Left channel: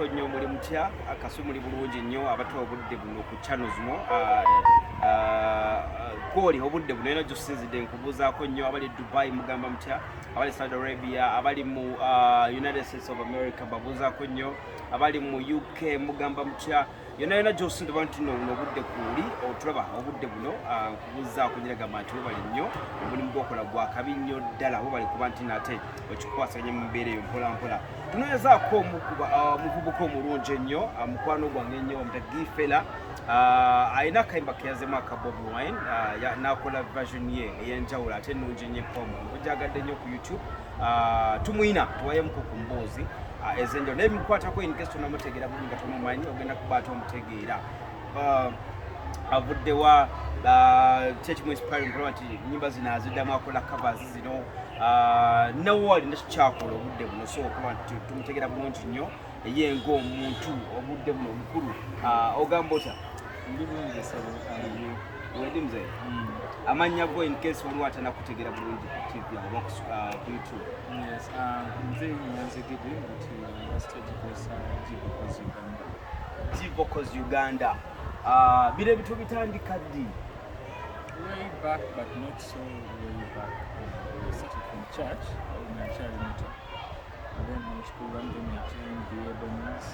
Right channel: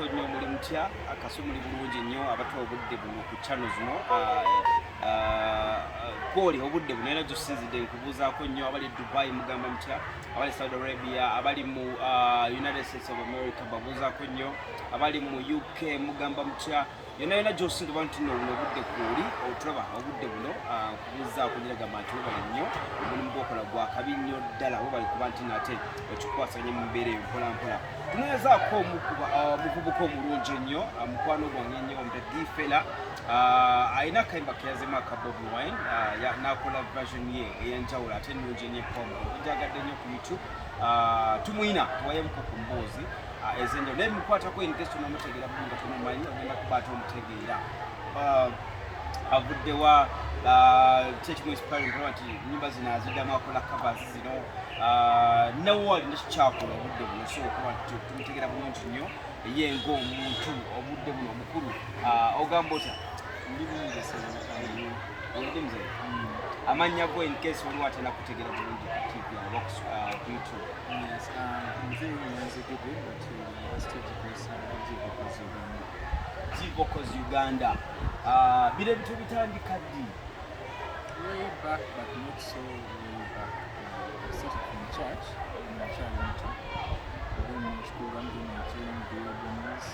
Nnyo muli mutya akasu muli bulungi nnyo abato obudde buno ku channel zino kwoli obudde buno era gy'osinzidde nkubuuzaako nnyo abali Dubai mugamba mutya, abali Saudi Arabia, abali mu United States of America babuuzaako nnyo, abali mu UK mugamba mutya, yonna gy'osinzidde nti nno buno obudde kwoli otulaba obudde buno nkubuuzaako nyiragamba nti bali nnyo omulimu gw'okola gwa kabi nnyo ddala bali kuba nti nate wekikwasaganya mu mbeera eyo mpola mpola. Tunoyezaako omuvubuka omulungi ennyo mukwano gwange ennyo omutagifera alina akayimba ke yazemu aka Bobie wine n'akola version ye ey'enjawulo ate ennungi ennyo epomu ogyagadde nnyo ku YouTube tumuyina tuwayemuko ku mboozi ez'enjawulo naye bimukwatako in case tonamutegeera bulungi nga tomumanyi ogenda kubaata omutegeera avuddewa kyekimu inspiring kulaba nti nnyimba zino aziddamu akola covers zino nawe alina kikyakola obudde buno so okuba nti tumutegeera bulungi nnyo ye ng'omuntu obudde buno omukulu ogamba otya wedi mzee amannya go in case waliwo atanakutegeera bulungi ku TV oba ku YouTube? Yes, mzee Nyanzi Gidi but stage place Vocals Uganda. Bire bitu bitandika ddi? Way back but not so way back. I started from church in a child meeting. Then in school one day I trained the Lebanese,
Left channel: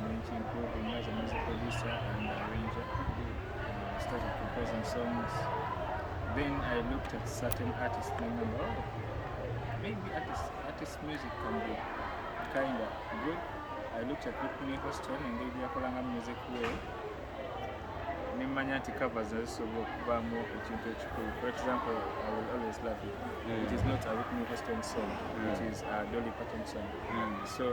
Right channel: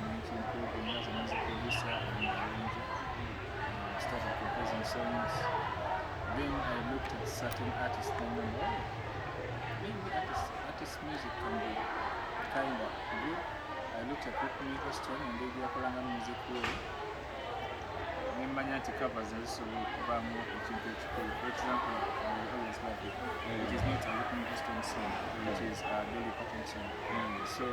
improving as a music producer and arranger. Started composing songs. Then I looked at certain artists and remember, maybe artist music can be kind of good. I looked at Whitney Houston and they were music way. Nimanya nti covers zisobola okuvaamu ekintu ekikulu. For example, I will always love it. It is not a Whitney Houston song, it is a Dolly Parton song. So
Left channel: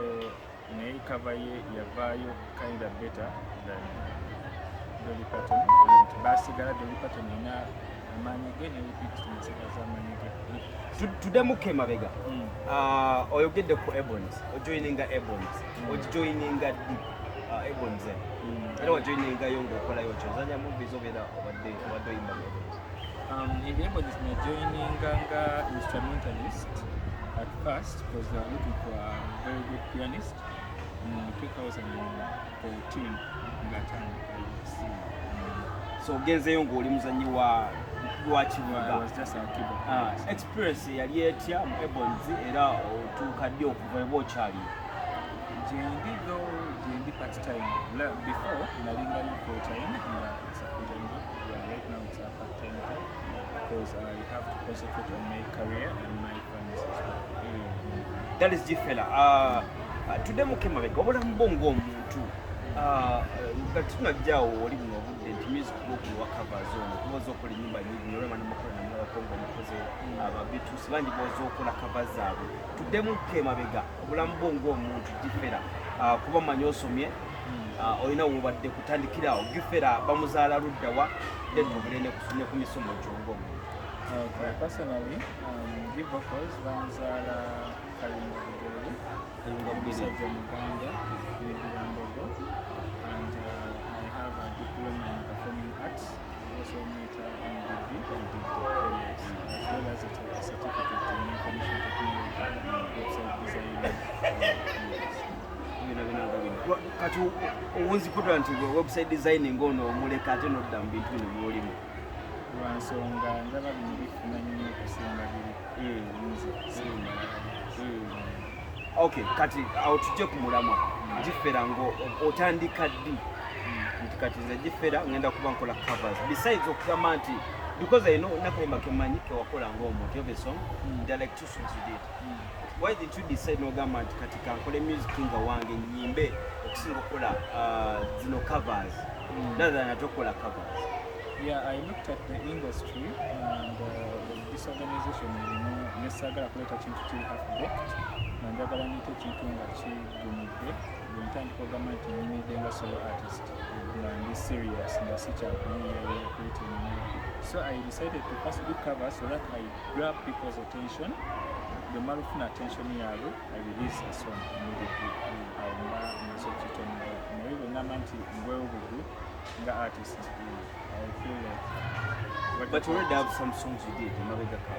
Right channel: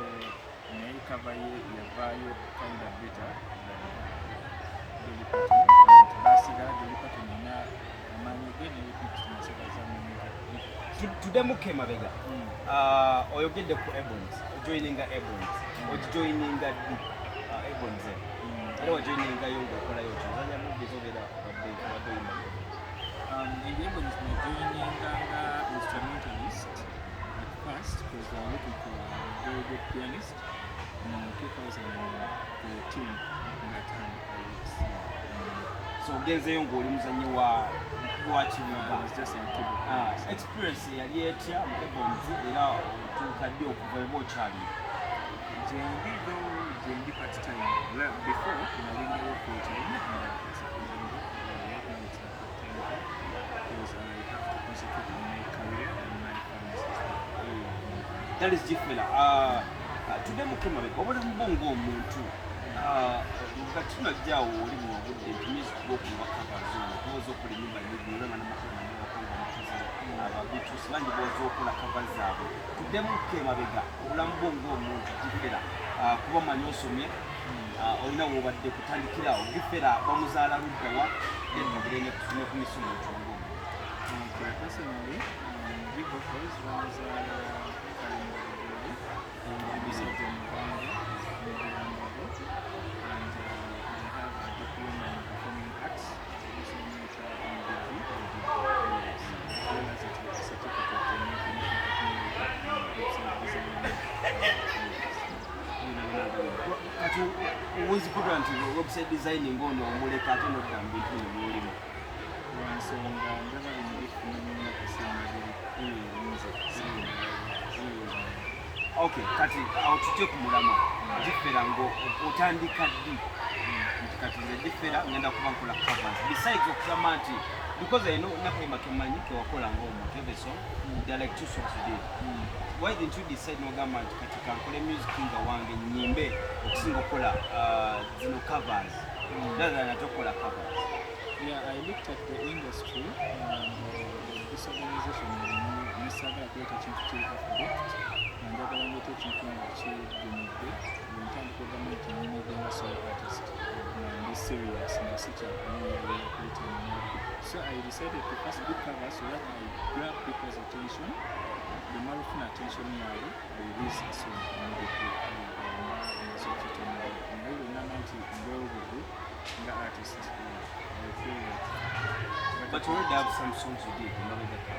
naye cover ye yavaayo kind of better than Dolly Parton. Basigala Dolly Parton ina amaanyi ge nebipikitinaseka z'amaanyi ge. Tuddemuko emabega oyogedde ku Ebonies, ojoininga Ebonies, ojoininga Ebonies era wajoiningayo ng'okolayo otyo ozanya movies obeera obadde oyimba mu Ebonies? In the Ebonies I joininganga instrumentalist at first because they were looking for a very good pianist. In 2014 ngatandika so ogenzeyo ng'oli muzanyi wa kibuga. I was just a keyboard. Experience yali etya mu Ebonies era otuuka ddi okuva eba okyali? Jendi part time. Before nalingayo full time it's a full time right now it's a part time because I have to concentrate on my career and my finances. That is different. Tuddemuko emabega obulamu bwo ng'omuntu nga tunajjaawo oli buno obudde nti music gw'okulwa covers ono kubaza okola ennyimba nyingi olwema n'amakola namulabako ng'omukozi ababituusi bangi boza okola covers zaabwe. Tuddemuko emabega obulamu bwo ng'omuntu gifera kuba manyi osomye olina wobadde kutandikirawo gifera bamuzaala luddawa then mugire ne ku misomo gyong'omuntu? Personally, give vocals bamuzaala Kayunga Musajja Muganda and I have a diploma in performing arts, also major in degree as well as a certificate in information technology, website design. Kati owunzikutula nti website designing ono omuleka ate nodda mu bintu bino by'olimu? Lwansonga ndaba bino bifuna nnyo okusinga biri Okay, kati awo tujje ku mulamwa gifera ng'otandika ddi nti kati nze gifera ngenda kuba nkola covers besides okugamba nti because I know nakayimba kemanyi kewakola ng'omuntu every song there are like 2 songs you did. Why didn't you decide n'ogamba nti kati kankole music nga wange nnyimbe okusinga okukola zino covers rather than ate okukola covers? Yeah, I looked at the industry and this organization nesagala kuleta kintu kiri affect nanjagala ndeta ekintu nga kigumidde bwentandika ogamba nti nyimidde nga solo artist nga ndi serious nga sikyakuliyakulitemu. So I decided to first do covers so that I grab people's attention. Bwemala okufuna attention yaabwe I release a song immediately awo mba maze okkitonera naye bwengamba nti ngwewo bugu nga artist I feel like. But you already have some songs you did in Mabega Cup.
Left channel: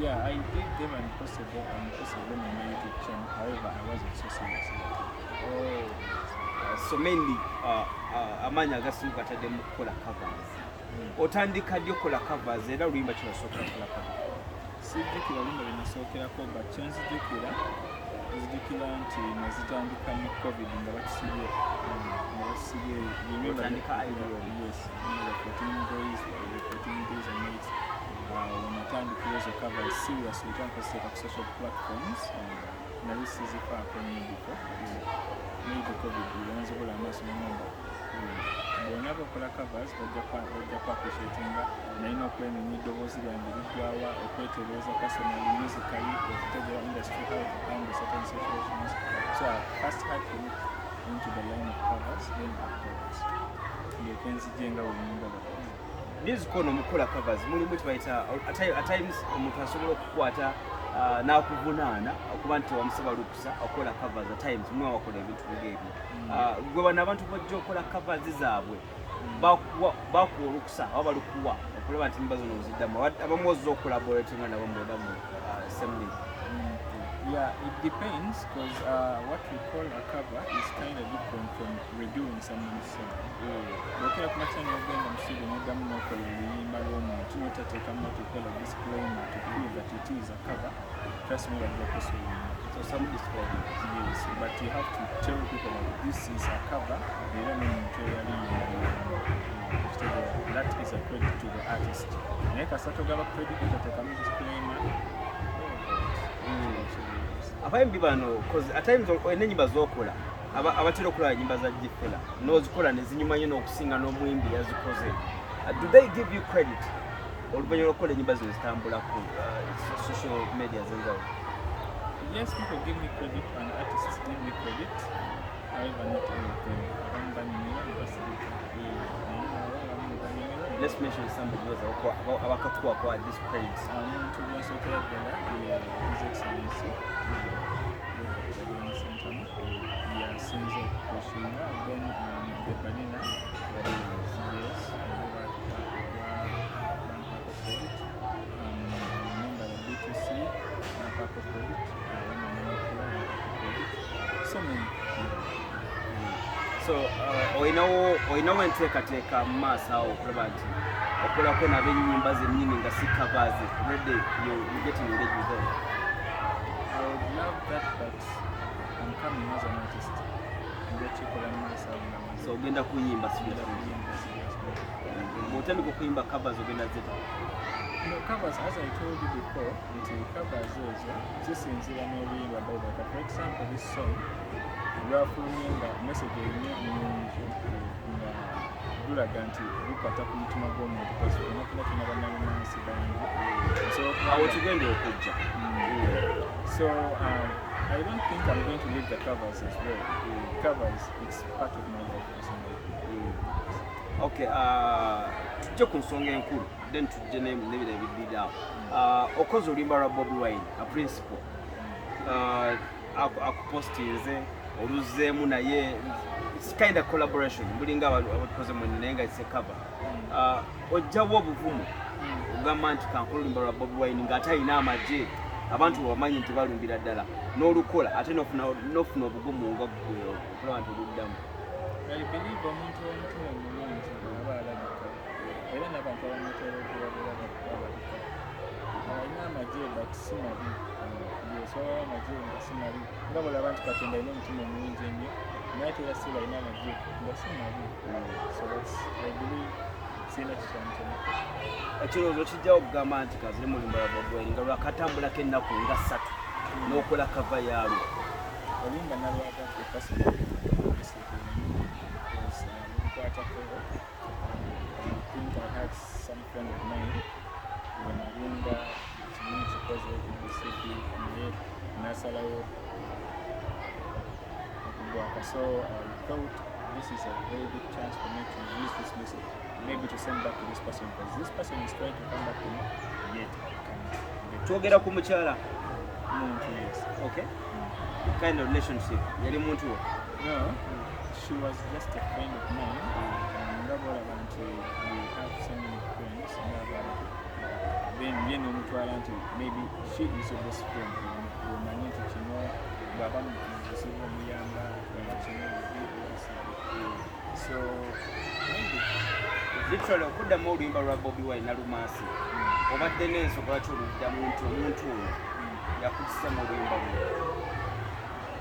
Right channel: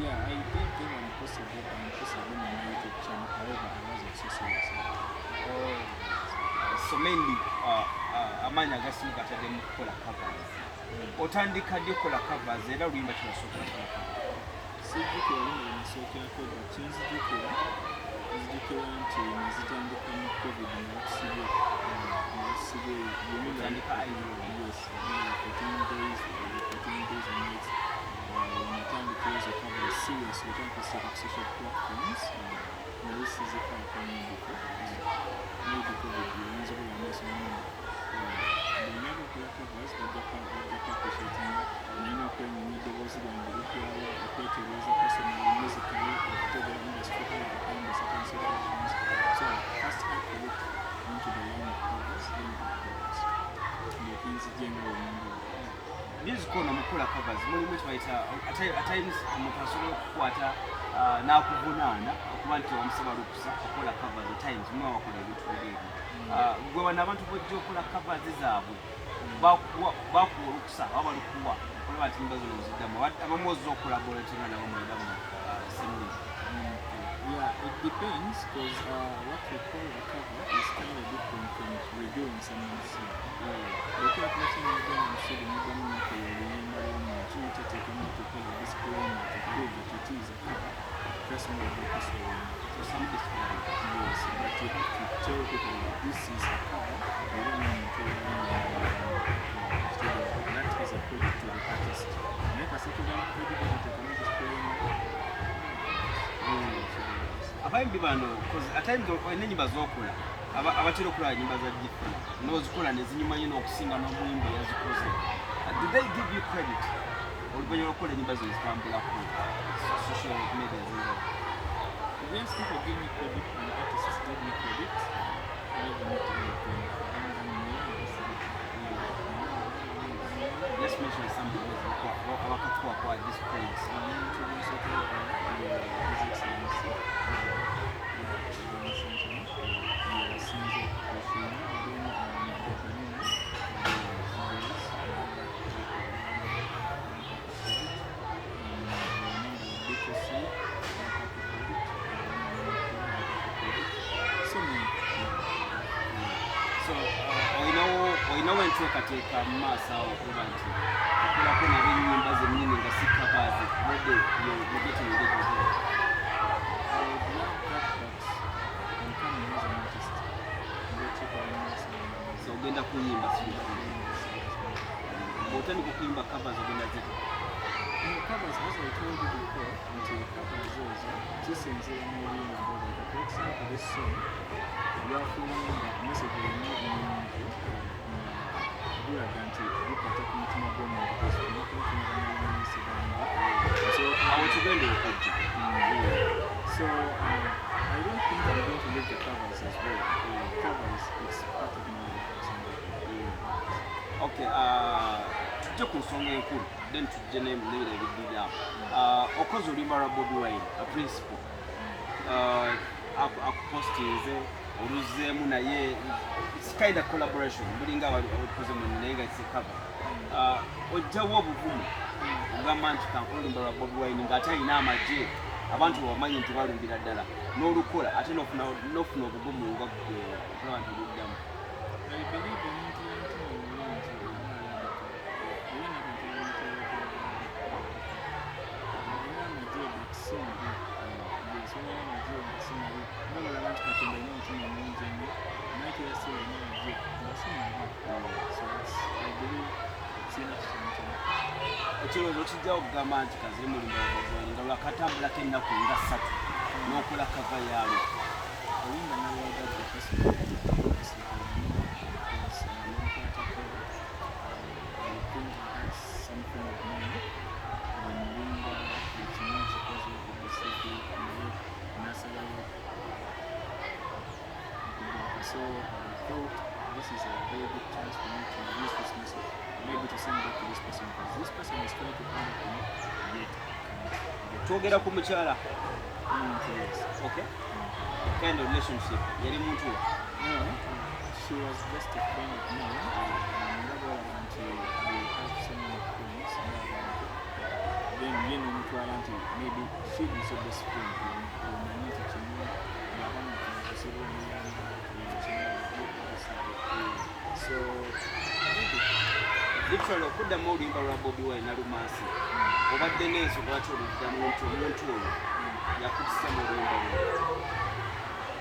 Yeah, I did them and posted them on my YouTube channel. However, I wasn't so serious. Oh, So mainly amaanyi agasimu gatadde mu kukola covers. Otandika ddi okukola covers era oluyimba kyebasookera kukola covers? sijjukira oluyimba lwe nasookerako but kye nzijjukira nti nazitandika mu covid nga batusibye Otandika yes 14 days and nights natandikira ezo covers seriously tandika ku social platforms nali sizifaako nnyo maybe covid wanzibula amaaso n'amanda bonna bakola covers bajja kwappreciatinga naye n'okwenyonya eddoboozi lyange liggwawa okwetereeza personally musically okutegeera industry how to handle certain situations so I first had to look into the line of covers then afterwards ndyoke nzijjenga wenyingala music ono mukola covers mulimu kibayita at times omuntu asobola okukwata n'akuvunaana okuba nti wamusaba lukusa okukola covers at times mwe wakola ebintu ng'ebyo gwe bano abantu bajja okukola covers zaabwe bakuwa olukusa oba balukuwa okulaba nti mba zino oziddamu abamu ozza okulaboratinga nabo mweda mu semulizi. Yeah, it depends because what we call a cover is kind of different from redoing someone's song. Looking at my channel again, I'm sure the modern local oluyimba lw'omuntu n'otateekamu what we call a disclaimer to prove that it is a cover. Trust me, I'll get this oluyimba. So some disclaimer. Yes, but you have to tell people that this is a cover. You don't know that is a credit to the artist. Naye kasatu gala credit utateekamu disclaimer. Abayimbi bano at times olina ennyimba z'okola abatera okulaba ennyimba za gifela n'ozikola ne zinyuma nnyo n'okusinga n'omuyimbi yazikoze. Do they give you credit oluvannyuma lw'okukola ennyimba zino zitambula ku social media z'enjawulo? Yes, people give me credit and artists give me credit. However, not everything. Let's mention some of those abakakuwa kwa this praise. His Excellency. Sinzo Kushina, then the Banana. Yes. Remember the B2C, so many. So olinawo enteekateeka mu maaso awo okulaba nti okolako nabo ennyimba zennyini nga si covers ready you're getting ready with them. I would love that, but I'm coming as an artist. So ogenda kuyimba bw'otandika okuyimba covers ogenda zeta? Covers, as I told you before, until covers ezo zisinziira n'oluyimba bw'obaka. For example, this song lwafulimba message erina ennungi nga gulaga nti gukwata ku mutima gw'omuntu kunakunafuna banalumansi bange awo tugenda okujja. So I don't think I'm going to leave the covers as well. Covers, it's part of my life. Okay, tujje ku nsonga enkulu then tujje n'ebira ebiddirawo. Okoze oluyimba lwa Bobie Wine, a principal akupostinze oluzzeemu naye it's kind of collaboration bulinga abakoze mwene naye nga it's a cover. Ojjawo obuvumu ogamba nti kankola oluyimba lwa Bobie Wine ng'ate alina amagye abantu bamanyi nti balumbira ddala n'olukola ate n'ofuna obugumu nga ggwe okulaba nti oluddamu. I believe omuntu w'omutima omulungi aba alabika era n'abantu abamutera okubalabika alina amagye but si mabi yesobola amagye nga si mabi nga bw'olaba nti Katonda alina omutima omulungi ennyo naye ate era si alina amagye nga si mabi so that's I believe sina kisantono. Ekirowoozo kijjawo okugamba nti kaziri mu luyimba lwa Bobie Wine nga lwakatambulako ennaku nga 3 n'okola kava yaalwo. Oluyimba nalwagadde lwenkwatako I think I had some friend of mine when Nalinga ekinyonyi kikoze ebisiki naye nasalawo okugwaka so I thought this is a very good chance for me to use this music maybe to send back to this person because this person is trying to come back to me yet Twogera ku mukyala. Yes. Okay. Kind of relationship yali muntu wo? No, she was just a friend of mine ngabula abantu we have so many friends n'abantu then ye n'omutwala nti maybe she is your best friend omanyi nti kino baba mukusiba omuyamba so literally okuddamu oluyimba lwa Bobie Wine Nalumansi obadde n'ensonga lwaki oluddamu nti omuntu oyo yakudisa mu oluyimba lwe?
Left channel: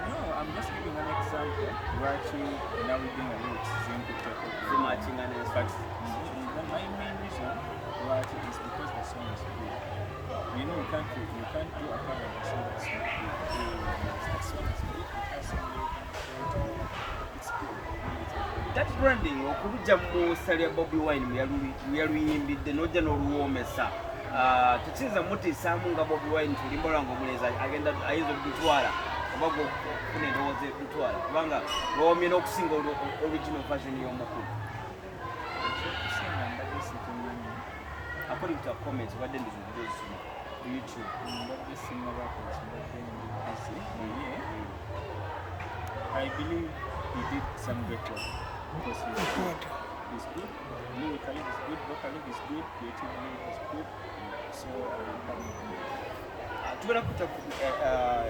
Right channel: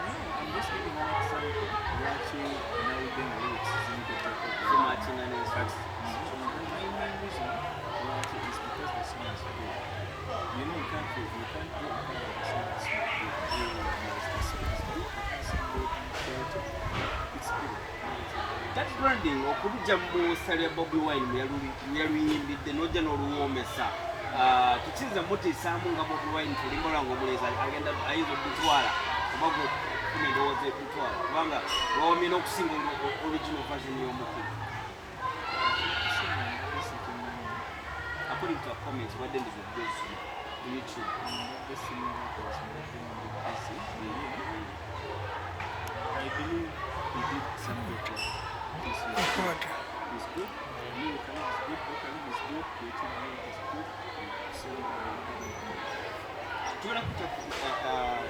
no, I'm just giving an example lwaki nawuddenga lyrics zinkutte zimakinga n'ensonga. my main reason lwaki is because the song is good. You know, you can't do a cover and say the song is good. The song is good. You can't sing it, you can share it. It's good. That branding okubujja mu ssali ya Bobie Wine yaluyimbidde n'ojja n'oluwoomesa tukiyinza mutiisaamu nga Bobie Wine tulumba lwange omuleezi agenda ayinza oddutwala oba okufuna endowooza eddutwala kubanga lwomye n'okusinga original version y'omukulu. According to our comments, what then did you do to YouTube? I believe he did some good work. He's good. Lyrically is good. Vocally is good. Creatively is good. So I tugenda kuta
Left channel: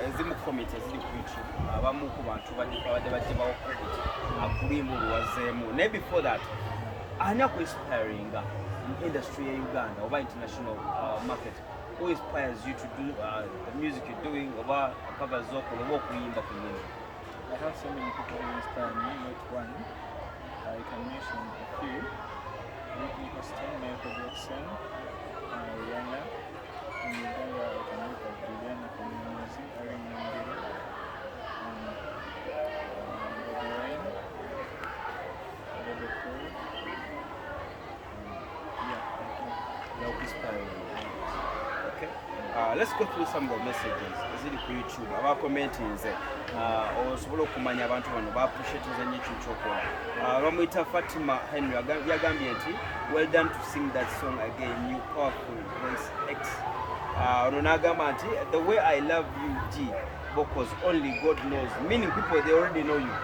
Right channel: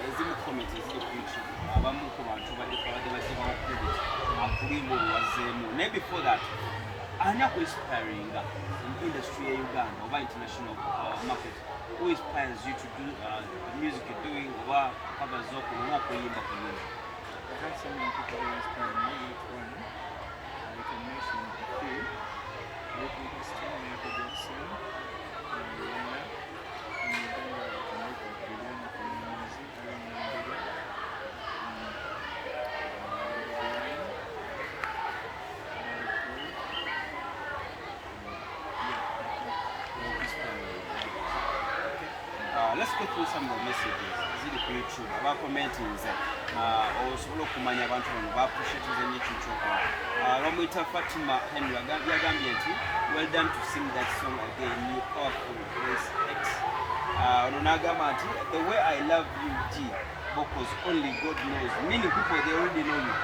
ezimu comments eziri ku YouTube abamu ku bantu badde bagibawo credit kuluyimba oluwazeemu naye before that ani akuinspiringa in industry ya Uganda oba international market? Who inspires you to do the music you're doing oba covers okola oba okuyimba ku nyimba? I have so many people who inspire me, not one. I can mention a few. Whitney Houston, Michael Jackson, Rihanna. In Uganda, I can look at Rihanna from Nyamuzi, Aaron Mandela, Bobie Wine, Bobby Cole. They're inspiring. Okay. Let's go through some of the messages eziri ku YouTube aba commenting ze osobola okumanya abantu bano ba appreciate ze nyichu chokola. Lwamuyita Fatima Henry yagambye nti well done to sing that song again, you powerful voice X. Ono n'agamba nti the way I love you G vocals only God knows, meaning people they already know you.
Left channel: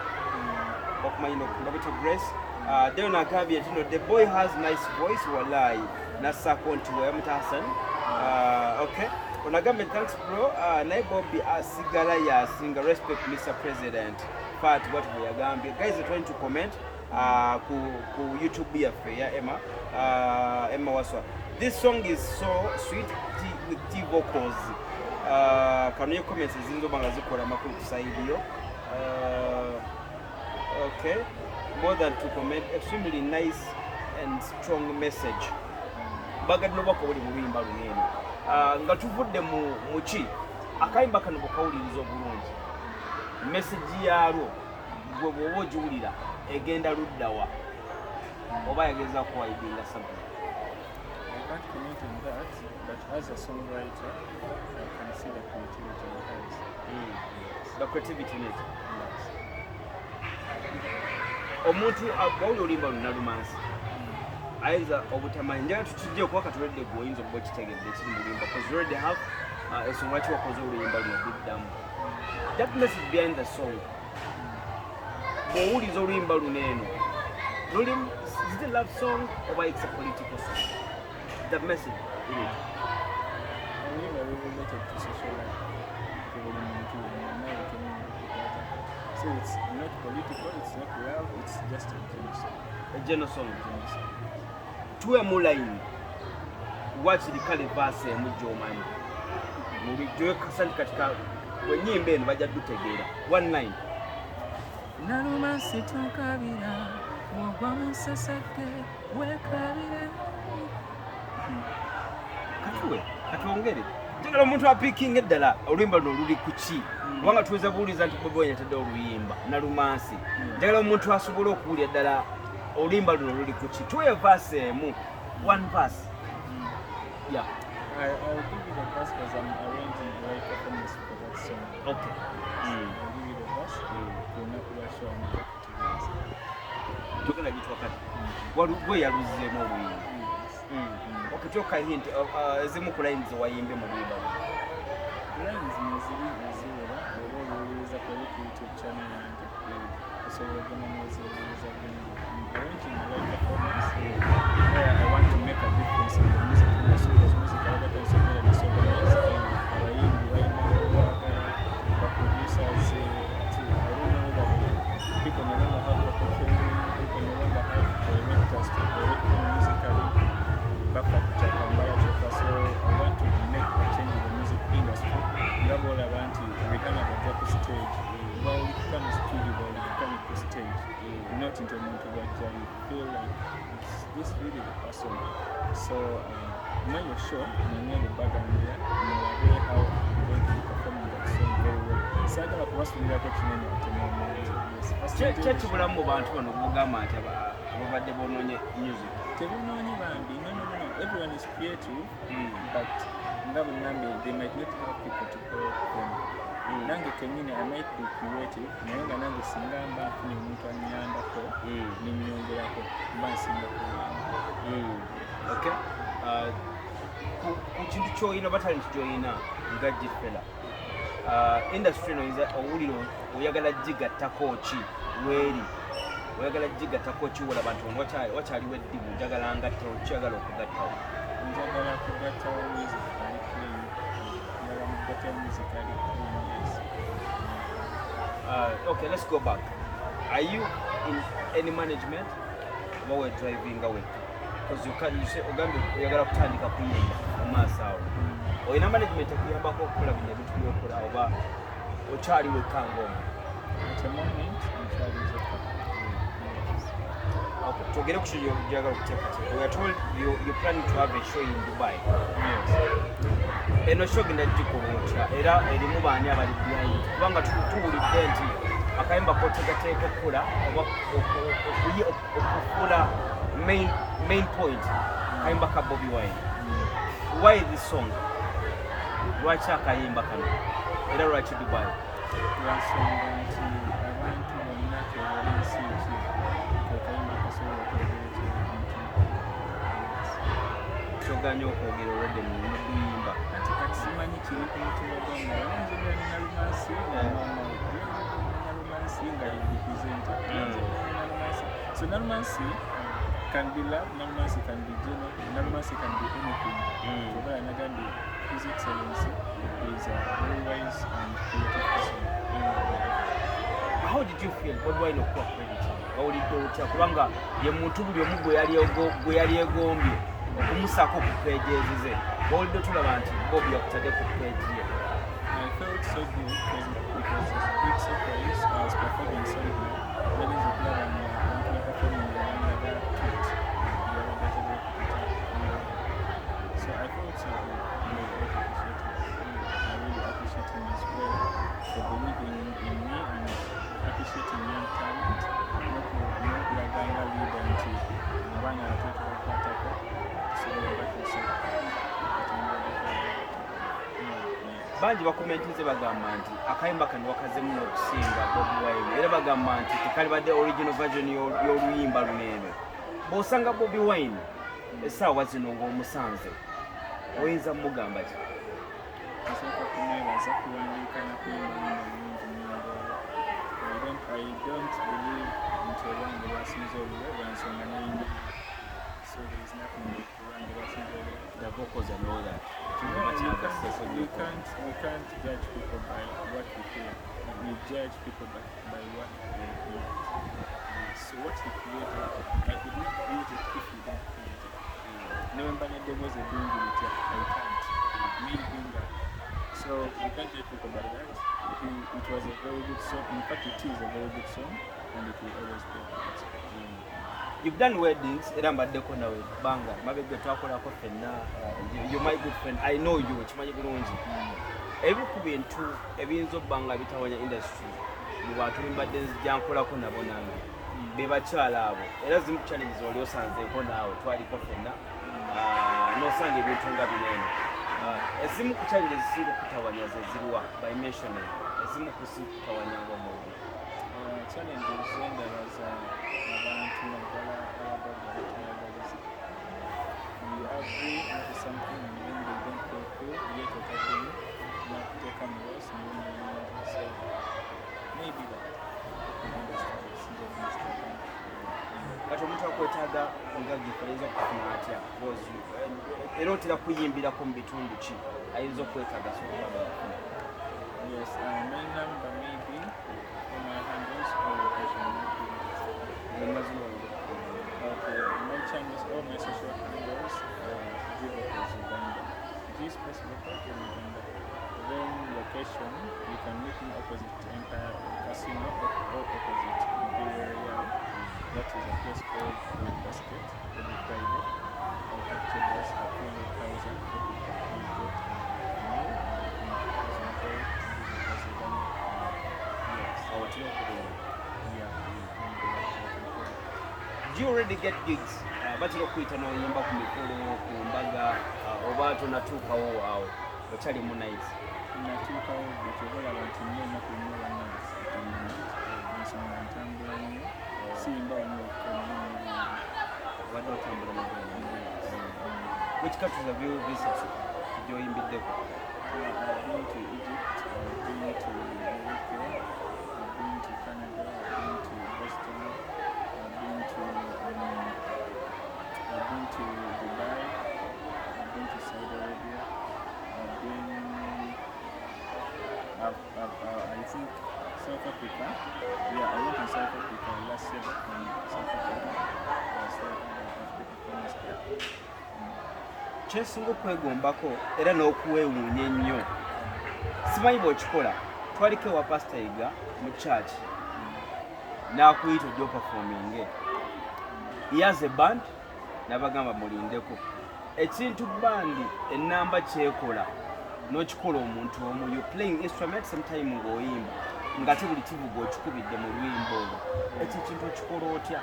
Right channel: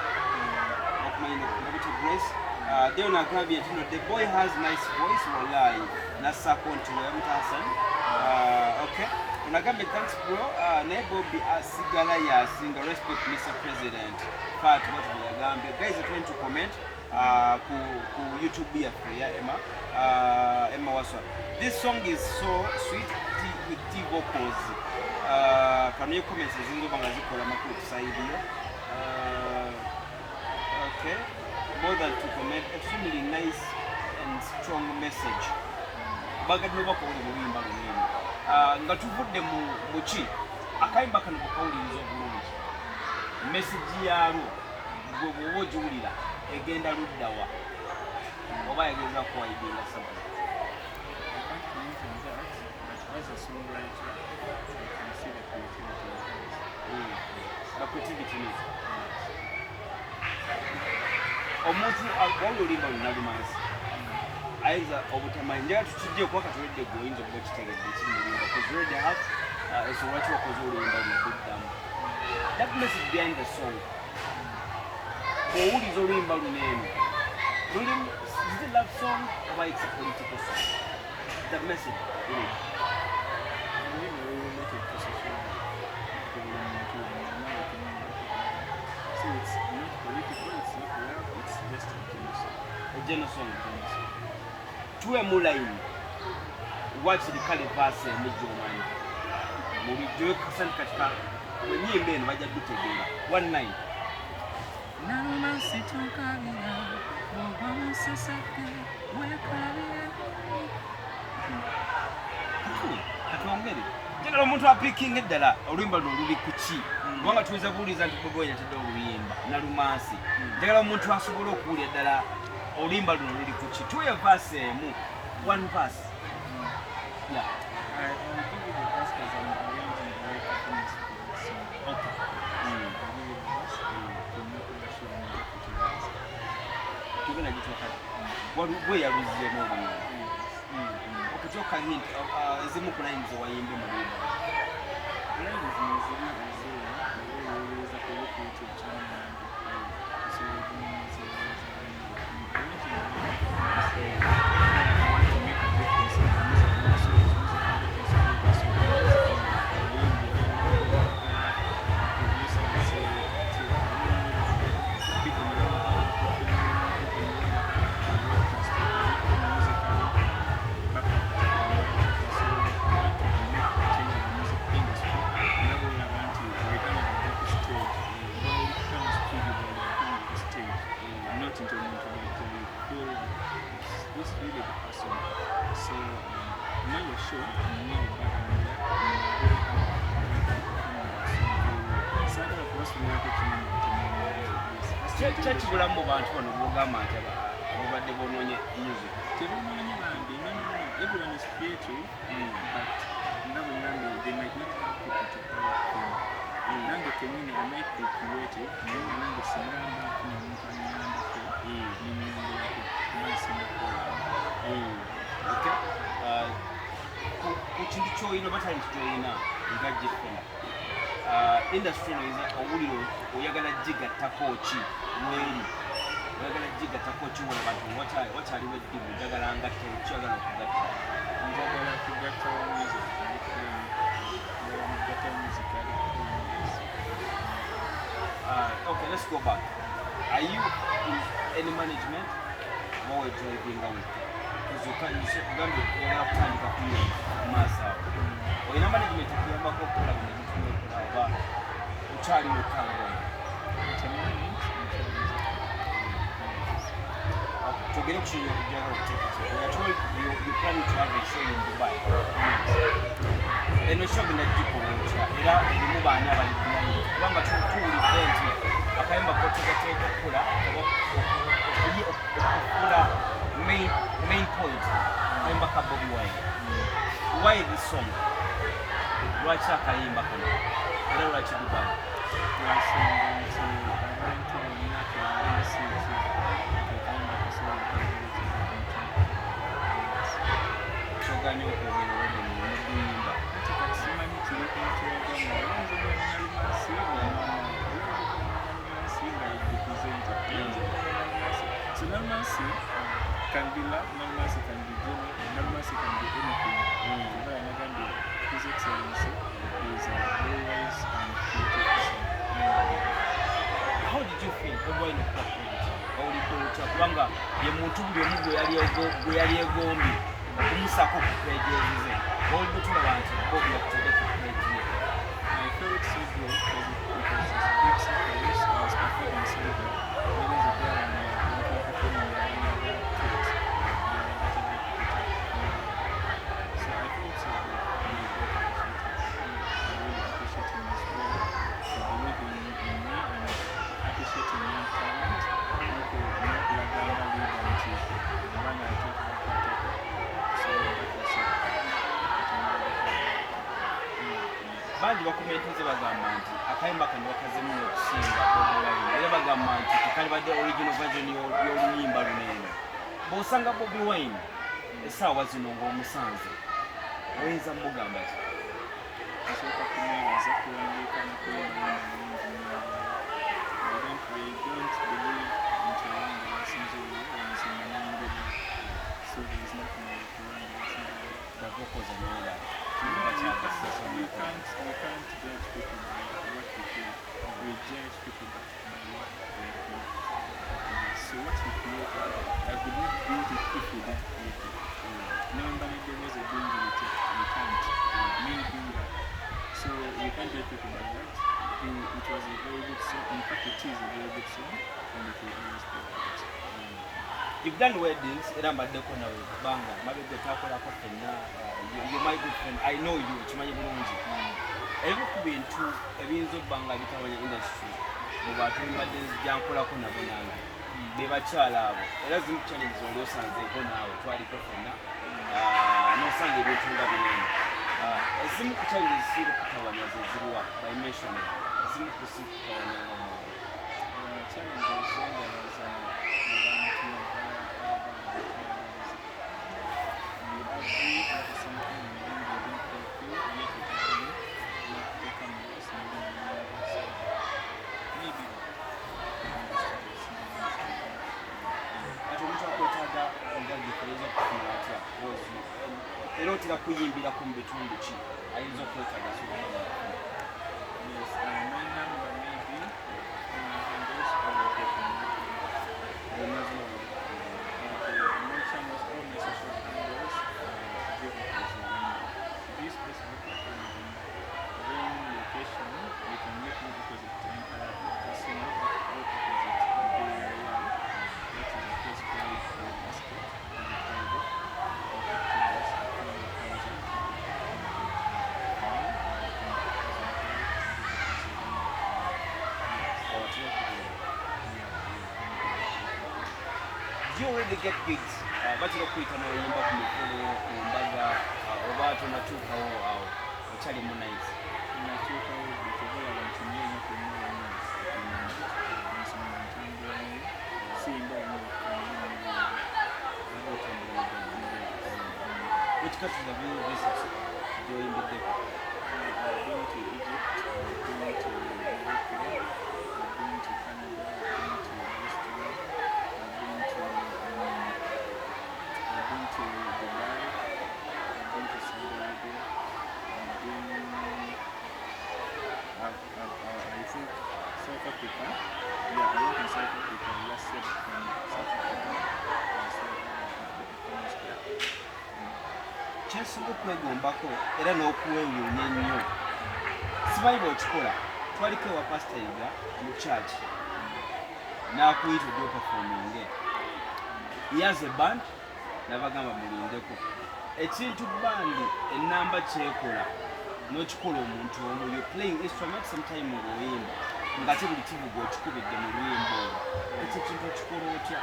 Okumanya nokubabuta Grace. Then n'agambye nti no, the boy has nice voice wallahi nasako nti weyamuta Hassan. Okay. Onagame, thanks bro. Naye Bobie asigala yasinga, respect Mr. President. But what we are gambia. Guys are trying to comment ku YouTube yaffe ya Emma Waswa. This song is so sweet with T vocals. Can you comment ezinzo banga zikola makulu kusaidiyo? Okay. More than to comment, extremely nice and strong message. Bagad no bako buli muluyimba lunene. Nga tuvudde mu ki akayimba kano bokawuliriza obulungi message yaalwo gwe bw'oba ogiwulira egenda luddawa oba yageza kuwaidinga something. I can't comment on that, but as a songwriter, I can see the creativity of it. The creativity in it. Omuntu wawulira oluyimba lunalumansi ayinza obutamanyi njagala tutujje okuba katuledde gwe oyinza okuba okitegedde ekiri mu luyimba because you already have ensonga lwaki wakoze oluyimba lunaduddamu that message behind the song bw'owuliriza oluyimba luneeno lulimu is it a love song oba it's a political song? The message in it. So it's not political, it's not love, it's just a general song. Tuwe mulaini wakiri kale verse mujomanyi mulijjo kasani katika wenyimba eno bajja dutegeera one line Nalumansi tonkabira wagwa musasake wekabire katwongere njagala omuntu apiikinga eddala oluyimba luno luli ku ki kubanga tuweza buuliza nti Bobie Wine yatadde oluyimba Nalumansi njagala omuntu asobola okuwulira eddala oluyimba luno luli ku ki tuwe verse emu one verse. Yeah. I'll give you the verse because I'm arranging the right performance for that song. Okay. I'll give you the verse to not rush on the verse. Tugenda gitu wakati gwe yaluzizeemu oluyimba. Okay, kyokka hint ezimu ku lines wayimbe mu luyimba lines neziriwera owuliriza ku YouTube channel yange osobola okunoonyereza bulungi arranging the right performance where I want to make a difference in the music industry because music other things are very so abayimbi balina producers into a mental that you feel like this really the person. So know your show, know the background here, know how you're going to perform that song very well. Sagala kubasubira ko kinene kyekibulamu mu bantu bano bwogamba nti ababadde bonoonye music tebunoonye bambi no everyone is creative but nga bwe ngambe they might not have people to help them. Nange kenyini I might be creative naye nga nange singa mba nfuna omuntu anyambako nimwongerako mba nsinga kuyamba. Okay. Ku kintu ky'olina oba talenti gy'olina nga Gifela industry eno owuliro oyagala gigattako ki weri oyagala gigattako ki wolaba nti wakyaliwo eddibu njagala ngattawo kyagala okugattawo? Njagala kugattawo music alikulimu njagala mugattawo music alikulimu. Okay, let's go back. Are you in any management while we're driving away? Because you say ogambe oyagala kutandika kuyimba omaaso awo olina management ekuyambako okukola bino ebintu byokola oba okyali wekka ng'omu? Okay, twogere ku kyo gyagala okuteekateeka. We are told you're planning to have a show in Dubai. Eno show genda gikola otya era erimu baani abali behind kubanga tuwulidde nti akayimba k'oteekateeka okukola oba okukola main point kayimba ka Bobie Wine. Why this song? Lwaki akayimba kano era lwaki Dubai? Lwansonga nti abantu bonna tebalinsi ki akayimba kasobola kyoganya okwogera olwedde mu luyimba kati simanyi kiri ku mutima gwange wanze bwonyalumansi nalumansi nga representa so nalumansi can be love, nalumansi can be genuine, nalumansi can be anything. But another day, His Excellency is a very wise and creative person. How did you feel Bobie Wine okuwa credit? Bawulidde otya kubanga ye muntu buli omu gwe yali egombye okumusaako ku page ezize bawulidde tulaba nti Bobie yakutadde ku page ye? I felt so good because it was a big surprise. I was performing somewhere. When is the plan and performing the other kids, so I felt so good and I really appreciate him as well for believing in me and appreciating my talent. Not laganga leader nti abana batatu bakwatako so that was so bangi bakomentinze bagamba nti akayimba kano wakazemu n'okusinga Bobie Wine era bagamba nti tekalibadde original version y'oluyimba luneeno. Bw'osanga Bobie Wine essaawa zino ng'omusanze oyinza mugamba ki? Nsooka kumwebaza kuwandiika mu kuyimba nyimba I don't believe nti olwange lwasinze oluwo lwansonga nyingi so there is nothing like olwange lwasinze oluwo. The vocals and all that. We can't judge people by what we feel. We judge people by what they feel. So what he created, I could not build it if he didn't create it. Never was a doing it, I can't. Me doing that. So we can't judge people by that. It was a very good song. In fact, it is a very good song, and it will always be good. You've done weddings era mbaddeko nawe banga mabega twakolako fenna you're my good friend. I know you kimanyi bulungi ebimu ku bintu ebiyinza obbanga bitawanya industry mu bantu mbadde nzijankolako nabo nange be bakyala abo era zimu challenges oli osanzeeko naawe twaliko fenna n'osanga ebintu nga binene ezimu ku challenges zisinga kutawanya ze ziriwa by mentioning ezimu ku si kutawanya ng'omuntu challenges zendabaza abantu naddala abagagga you agree into something and then they don't fulfill you need to tackle it not take on the rest and then so maybe that kati omuntu akwetaaga nga Gifela okufuna atya era otera kuyimbirako mu bitundu ki ayinza okwetaaga sobanga kufuna? Yes, my number maybe on my handles or location. Okay, my channels, all my social handles, this Facebook in Uganda. Then location, you can meet me opposite Casino or opposite. you already get gigs? Batira okuyita n'oyimba ku mikolo ku mbaga oba tonatuukawo awo okyali mu night? Natuukawo betevola abantu nnyo ennaku nnyo bannensonga ntambula nnyo siyimba nnyo okukanya obadde otambula magulu. Which countries have you visited gy'oyimbiddeko? I've been to Egypt, I've been to Morocco, I've been to Canada, I've been to Boston, I've been to Dubai, I've been to Saudi Arabia, I think South Africa. Yeah, I went in South Africa last year from South Africa. Kyensinga okwegombako era n'okuweewuunya ennyo simanyi bw'okikola twaliko ewa pasita yiga mu church n'akuyita ojja opafominge he has a band n'abagamba mulindeko ekintu bandi ennamba kyekola n'okikola omuntu omu you playing instrument sometime ng'oyimba ng'ate buli kivuga okikubidde mu luyimba olwo ekyo ekintu okikola otya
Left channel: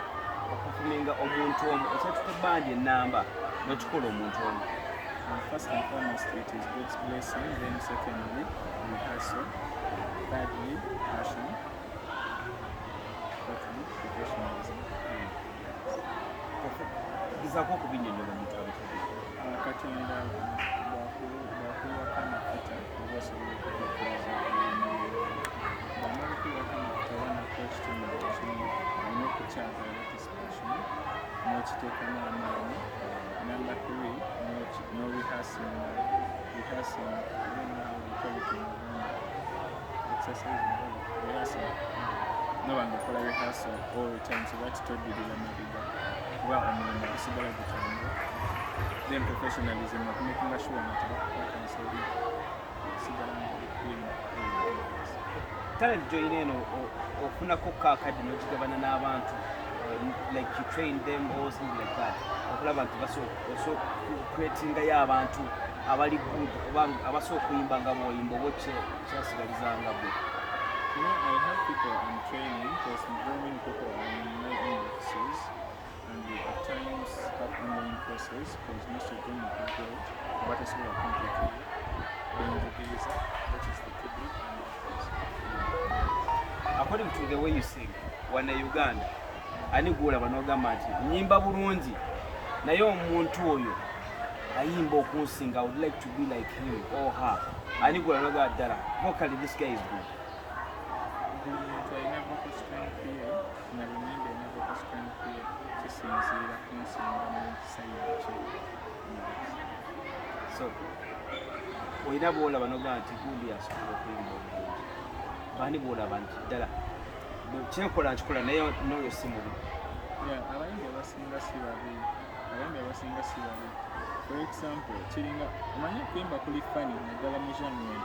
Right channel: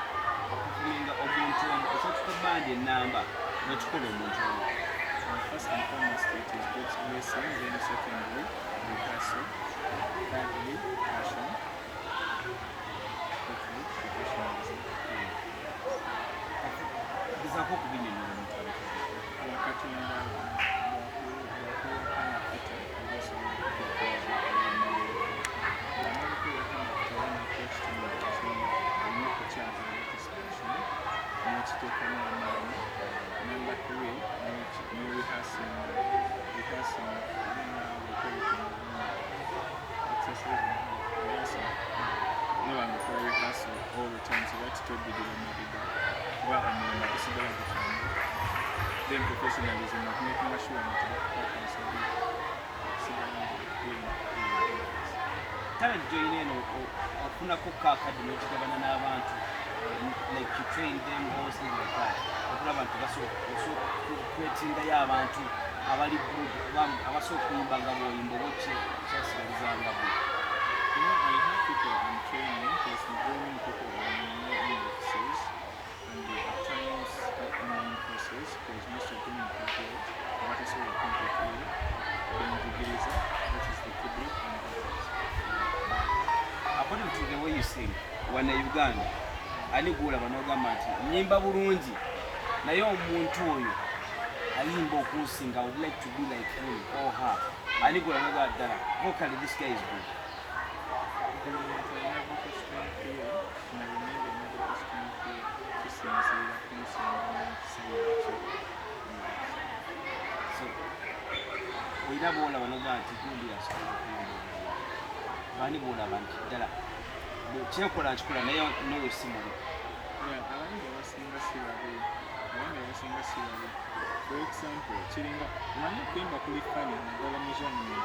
okufuminga omuntu omu ekyatuka bandi ennamba n'okikola omuntu omu? First and foremost, it is God's blessing. Then secondly, rehearsal. Thirdly, passion. Fourthly, professionalism. Gezaako okubinyonnyola omuntu abikoze. Katonda bw'akuwaka amafuta oba osobola okutekereza bw'amala okuwaka amafuta oba nakyo ekitundu ekimu olina okukyagala participation n'okiteekamu amaanyi. Number 3, no rehearsing, then exercise, rehearsing. No one will follow rehearsal all the time, so that's totally the Madiba. Well, I mean, this is the time. Then professionalism of making sure that the partners will be clean. Talent join in ofunako kaakadi n'okigabana n'abantu like you train them or something like that. Okulaba nti creatingayo abantu abali good abasobola okuyimba nga bw'oyimba oba kyasigalizanga bwe. I have people I'm training because very many people are on my indexes and they at times have online courses because most of them are complete. But I say they're complicated. Being the visa, that is the public and others. According to the way you sing, when Uganda, ani gwolaba n'ogamba nti nnyimba bulungi naye omuntu oyo ayimba okunsinga I would like to be like him or her, ani gwolaba n'ogamba ddala vocally this guy is good? So olina bwolaba n'ogamba nti gundi asobola okuyimba obulungi, bani bwolaba nti ddala kyenkola nkikola naye n'oyo si mubi? Abandi abasinga si babi. For example, kiringa omanyi okuyimba kuli fani naddala muzannyo.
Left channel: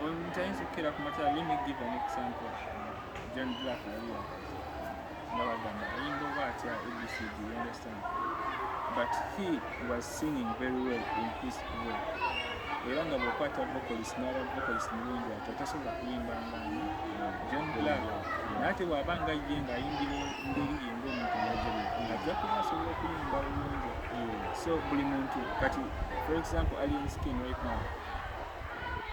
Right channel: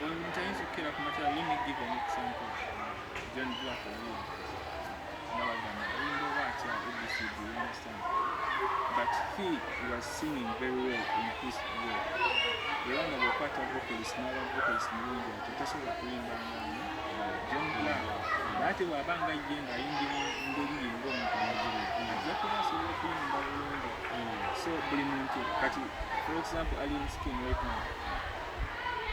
Omuntu ayinza okukkira ku matala. Let me give an example. John Black yali nabagamba ayimba oba atya ABCD, you understand? But he was singing very well in his way. Era nga bw'okwata vocalist n'aba vocalist mulungi ate tasobola kuyimba nga John Black. Ate bw'aba nga ye ng'ayimbira ndiri ng'omuntu ajja kuba asobola okuyimba bulungi. So buli muntu kati for example Alien Skin right now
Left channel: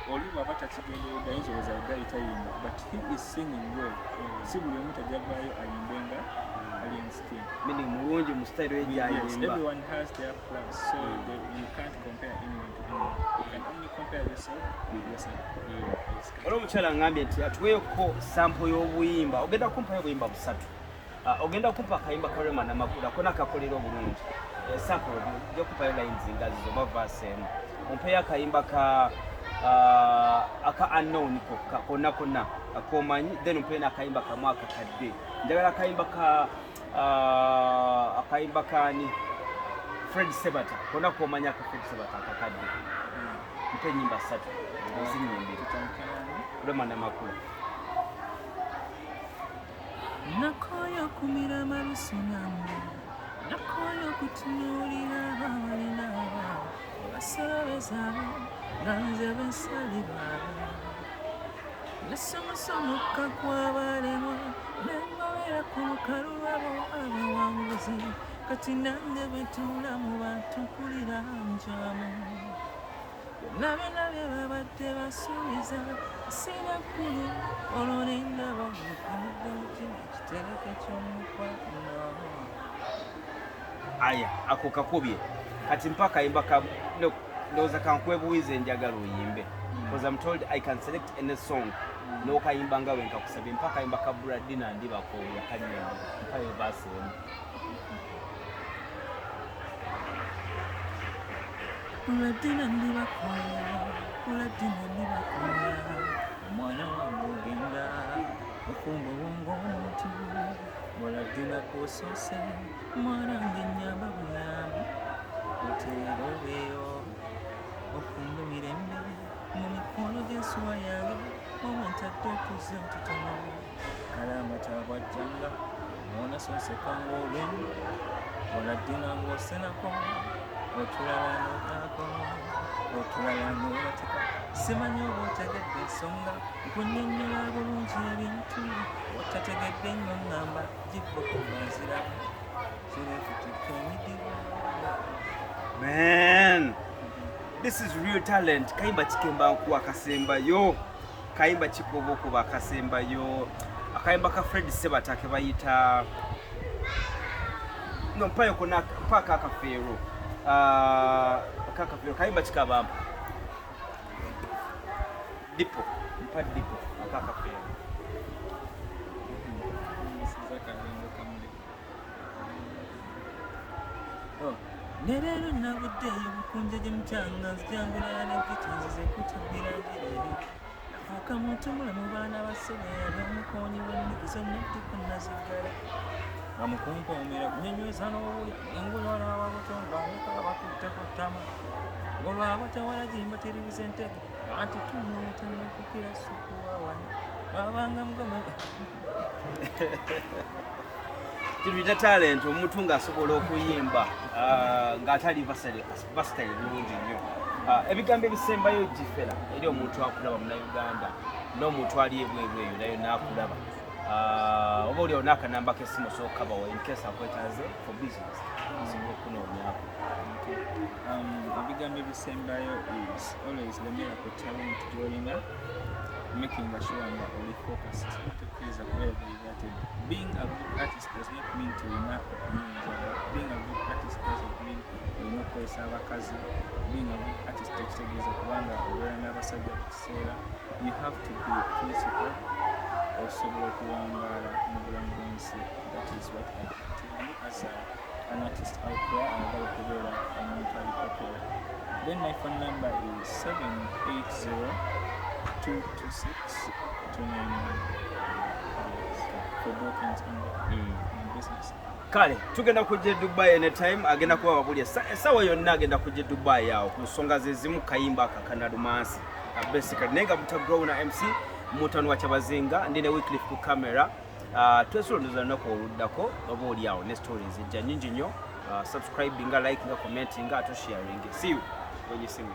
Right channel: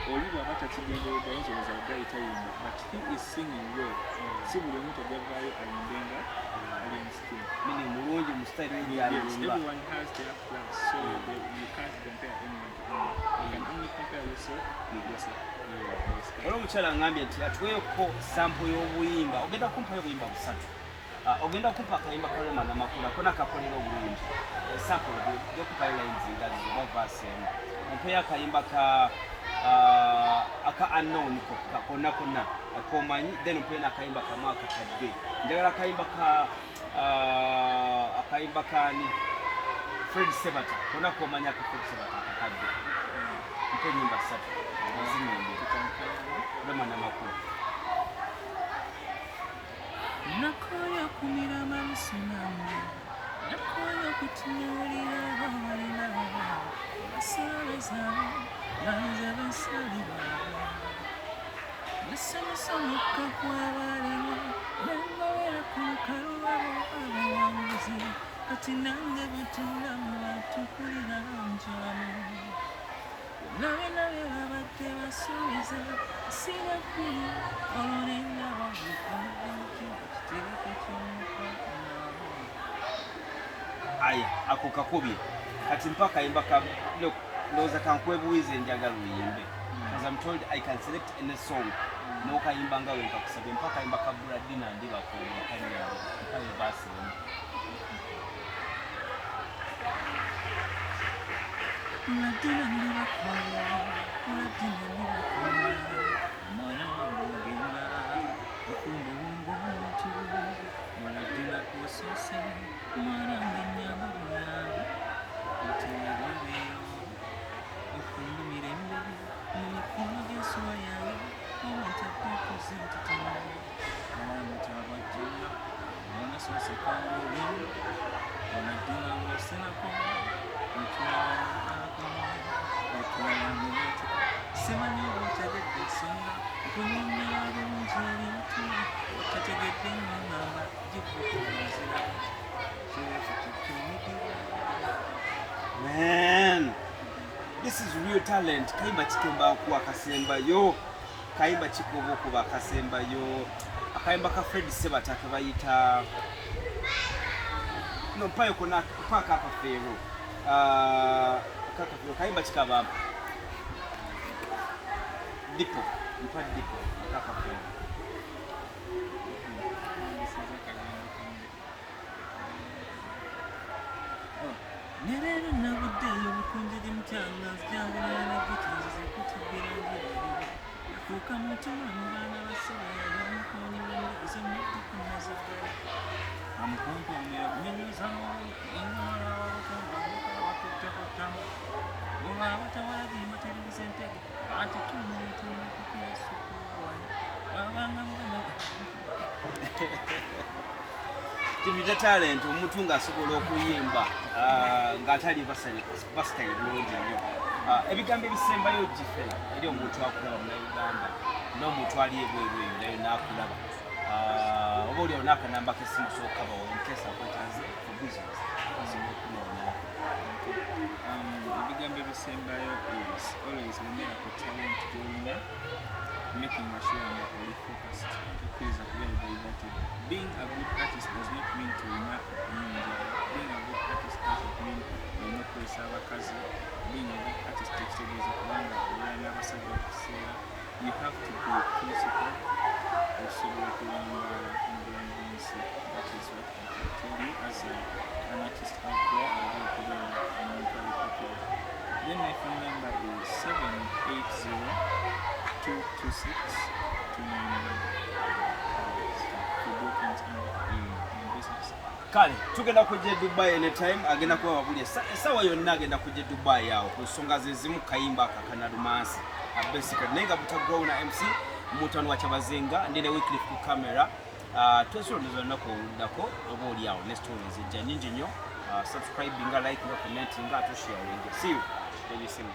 oli bw'aba takigenderedde ayinza olowooza ddali tayimba but he is singing well. Si buli omu tajjavaayo ayimbenga Alien Skin. Meaning mulungi mu style ye gy'ayimba. Everyone has their class, so you can't compare anyone to anyone. You can only compare yourself with yourself. Olwo omukyala ngambye nti atuweeko sample y'obuyimba, ogenda kumpayo obuyimba busatu. Ogenda kumpa akayimba ka Rema Namakula kona kakolera obulungi. Sample ojja kumpayo lines nga zizo oba verse emu. Ompeyo akayimba aka unknown konna akomanyi, then ompeyo n'akayimba kamu akakadde. Njagala akayimba kani Fred Sebata kona komanya ka Fred Sebata akakadde. Mpe nyimba 3 ozinyembere Rema Namakula. Nakoyo kumira mamusinani, nakoyo kutunuulira abalina basobeza banze basali baabo, nasomosomoka kw'abalema nengobera ku lukalu lwabo kati nange betula mu batukulira njamu nabe babadde basuubiza sinakulu olwolinda bavukamudde mutima kitereke ky'omukwano. Aya ako kakubye kati mpaka imba ka ndoza kankwebuize njagala uyimbe because I'm told I can select any song no kayimba nga wenka kusabye mpaka imba ka Bradina ndi bako yakanyembe mpayo base Bradina ndi bakola Bradina ndi bakola mwana wangu ngenda ukumbu wongo mutu Bradina kusose mwana ngenyamba buyambi uterobeyo ofundo mirembe mu mikono gy'ensuwa yayo omwentadde okuzantitono kalamata bwajjanga onasonsekamu olwendo Bradina ng'osenako otulala n'otaako otulala n'obatika simanyi oba otegedde ensonga okunnyonnyola bulungi ebintu otategedde nnyo ŋŋamba gibboko ganziramu kirefutikka emidiwo. Man, this is real talent. Kayimba chikemba kuwa kasembayo kayimba chikobo kuba kasembayo akayimba ka Fred Sebatake bayita no mpayo kona paka akafero akakafero kayimba chikaba dipo mpa dipo akakafero Nerero nabuddeyo bukunje gy'emukyanga nzijangula nagitinzize kutubbira njireri fuuka mutima mu baana basobera omukoonyi w'ennigizo n'edduka naziggala amukumpoomera kunyonyoza n'obuli engulala ababutonga nekala bakutte ku ttama olwaba tewalazimba teririza entege anti tunekukira sukuwawano wabanga mugoma kibita talent omuntu ng'asobola okuyimba ng'atali versatile bulungi nnyo ebigambo ebisembayo gifera eri omuntu akulaba munauganda n'omuntu ali ebweru eyo nayo n'akulaba oba oliawo n'akanamba k'essimu sookabawa in case akwetaaze for business asobola okunoonyako. Ebigambo ebisembayo is always lemera ku talent gy'olina making sure that only focused is very diverted. Being a good artist does not mean to remain being a good artist doesn't mean you know being a good artist takes a kubanga never subject to you have to be principled also okuwangala mu bulamu bw'ensi. That is what I can tell you as an artist out there ayagala okubeera omuntu ali popular. Then my phone number is 780-226-299 for both in business. Kale tugenda kujja Dubai anytime agenda kuba babulya sawa yonna agenda kujja Dubai yawo ku nsonga zezimu kayimba akakanalumansi basically nenga butagrow na MC mutano wa Kyabazinga ndine weekly ku camera twesolondoza nako oluddako oba oli yawo ne stories ejja nyingi nnyo subscribe nga like nga comment nga to sharing. See you when you see me.